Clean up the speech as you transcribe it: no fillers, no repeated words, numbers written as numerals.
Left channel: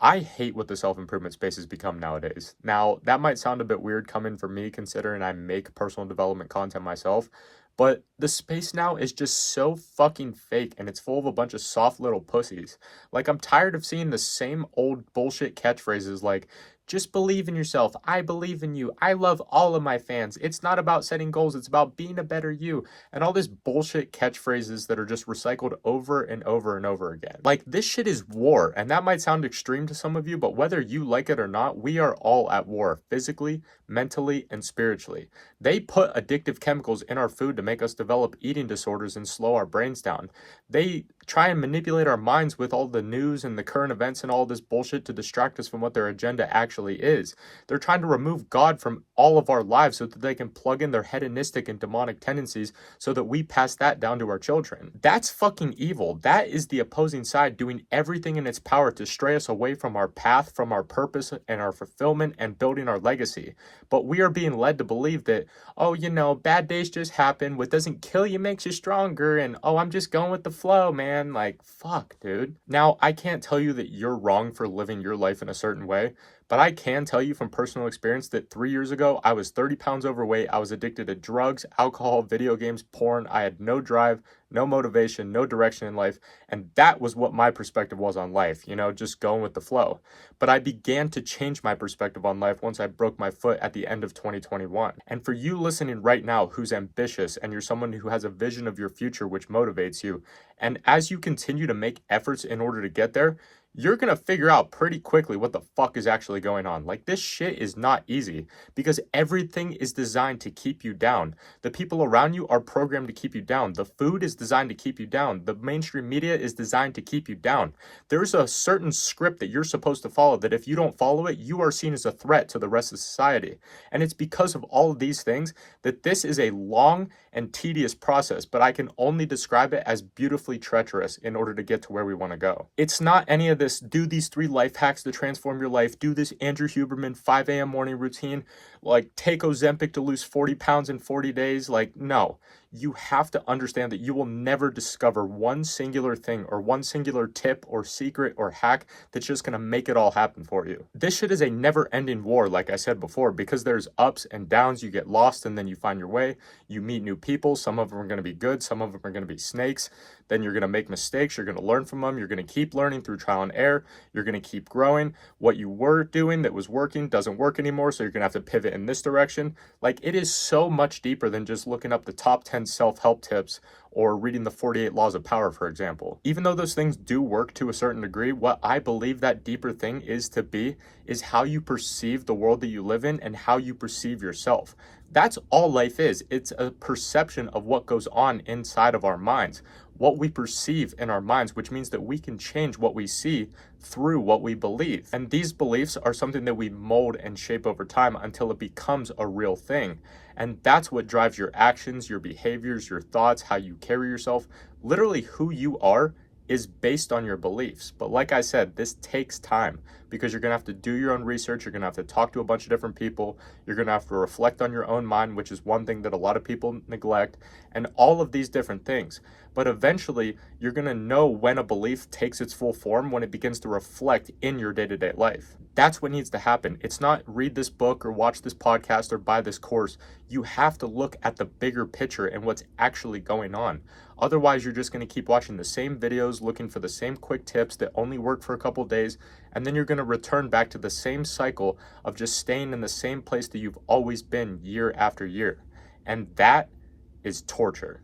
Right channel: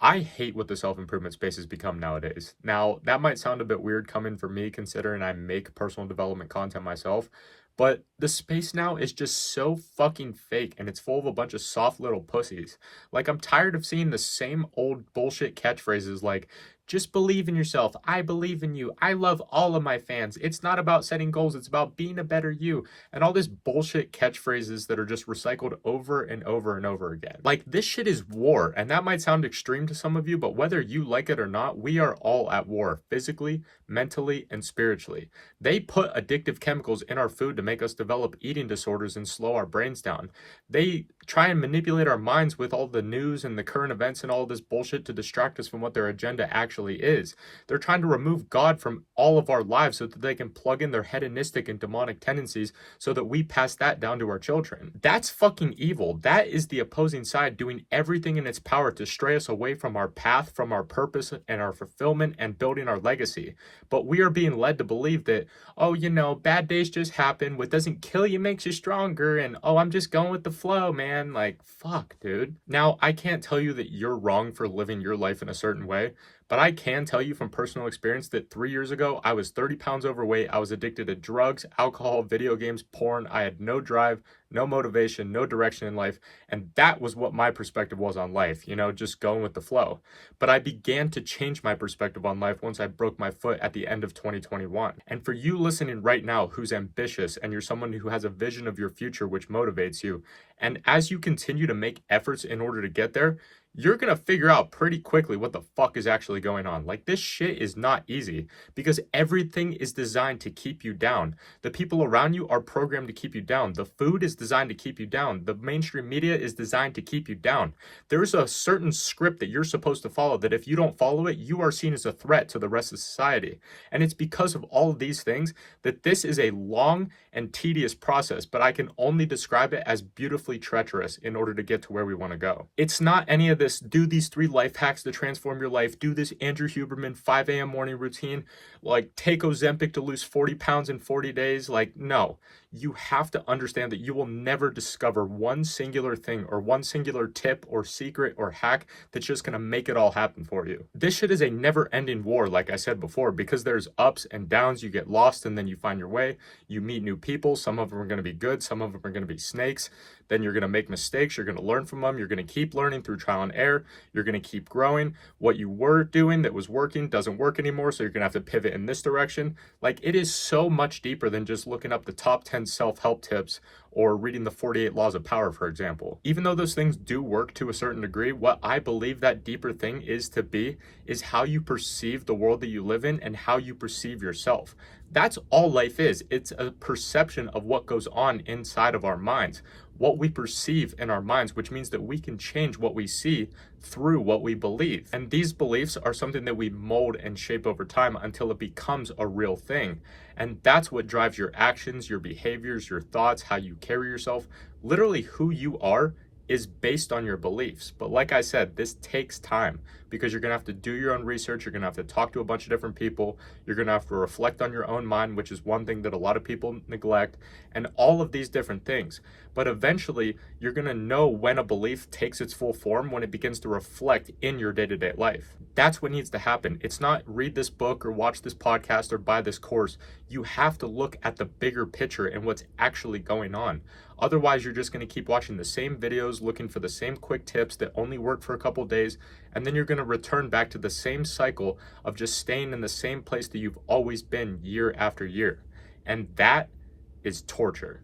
I hate what the self-improvement space has become nowadays. Now, that might sound a bit weird coming from me considering I make personal development content myself, but the space now is just so fucking fake and it's full of a bunch of soft little pussies. Like, I'm tired of seeing the same old bullshit catchphrases like, just believe in yourself. I believe in you. I love all of my fans. It's not about setting goals, it's about being a better you. And all this bullshit catchphrases that are just recycled over and over and over again. Like, this shit is war, and that might sound extreme to some of you, but whether you like it or not, we are all at war, physically, mentally, and spiritually. They put addictive chemicals in our food to make us develop eating disorders and slow our brains down. They try and manipulate our minds with all the news and the current events and all this bullshit to distract us from what their agenda actually is. They're trying to remove God from all of our lives so that they can plug in their hedonistic and demonic tendencies so that we pass that down to our children. That's fucking evil. That is the opposing side doing everything in its power to stray us away from our path, from our purpose and our fulfillment and building our legacy. But we are being led to believe that, oh, bad days just happen. What doesn't kill you makes you stronger. And, oh, I'm just going with the flow, man. Like, fuck, dude. Now, I can't tell you that you're wrong for living your life in a certain way, but I can tell you from personal experience that 3 years ago, I was 30 pounds overweight. I was addicted to drugs, alcohol, video games, porn. I had no drive, no motivation, no direction in life. And that was what my perspective was on life, just going with the flow. But I began to change my perspective on life once I broke my foot at the end of 2021. And for you listening right now who's ambitious and you're someone who has a vision of your future which motivates you, and as you continue to make efforts in order to get there, you're going to figure out pretty quickly what the fuck is actually going on. Like, this shit is not easy because everything is designed to keep you down. The people around you are programmed to keep you down. The food is designed to keep you down. The mainstream media is designed to keep you down. There's a certain script that you're supposed to follow that if you don't follow it, you are seen as a threat to the rest of society. And it's because of all of these things that this is a long and tedious process, but I can only describe it as beautifully treacherous in order to get to where we want to go. It's not any of this, do these 3 life hacks to transform your life, do this Andrew Huberman 5 a.m. morning routine, like take Ozempic to lose 40 pounds in 40 days. Like, no. You have to understand that you will never discover one singular thing or one singular tip or secret or hack that's just going to make it all happen for you. This shit is a never-ending war, like I said before, because there's ups and downs. You get lost and then you find your way. You meet new people. Some of them are going to be good. Some of them are going to be snakes. Then you're going to make mistakes. You're going to learn from them. You're going to keep learning through trial and error. You're going to keep growing. What you were doing that was working doesn't work anymore, so you're going to have to pivot in this direction. Like, it is so much deeper than just looking up the top 10 self-help tips or reading the 48 Laws of Power, for example. Even though those things do work to a certain degree, what I believe that deeper thing is how you perceive the world that you live in and how you perceive yourself. That's all life is. It's a perception of what goes on inside of our minds, what we perceive in our minds, which means that we can change what we see through what we believe. And these beliefs are something that we mold and shape over time until it becomes a real thing. And that's what drives your actions, your behaviors, your thoughts, how you carry yourself. Literally, who you are is based on your beliefs. But like I said, this takes time because you're going to have to do your own research. You're going to have to talk to a bunch of different people. You're going to have to reflect on your own mind, which is one thing that a lot of people neglect, and all of these different things. But eventually, you're going to know when a belief takes its full form, when it begins to reflect in your day-to-day life. That's what needs to happen. It's not read this book or watch this podcast or buy this course. You have to look at the bigger picture and what's actually going on. Otherwise, you're just going to keep watching the same videos, looking for the same quick tips that only work for a couple days, and then you're going to return back to the same cycle of just staying in the same place that you've always been year after year. And that is torture.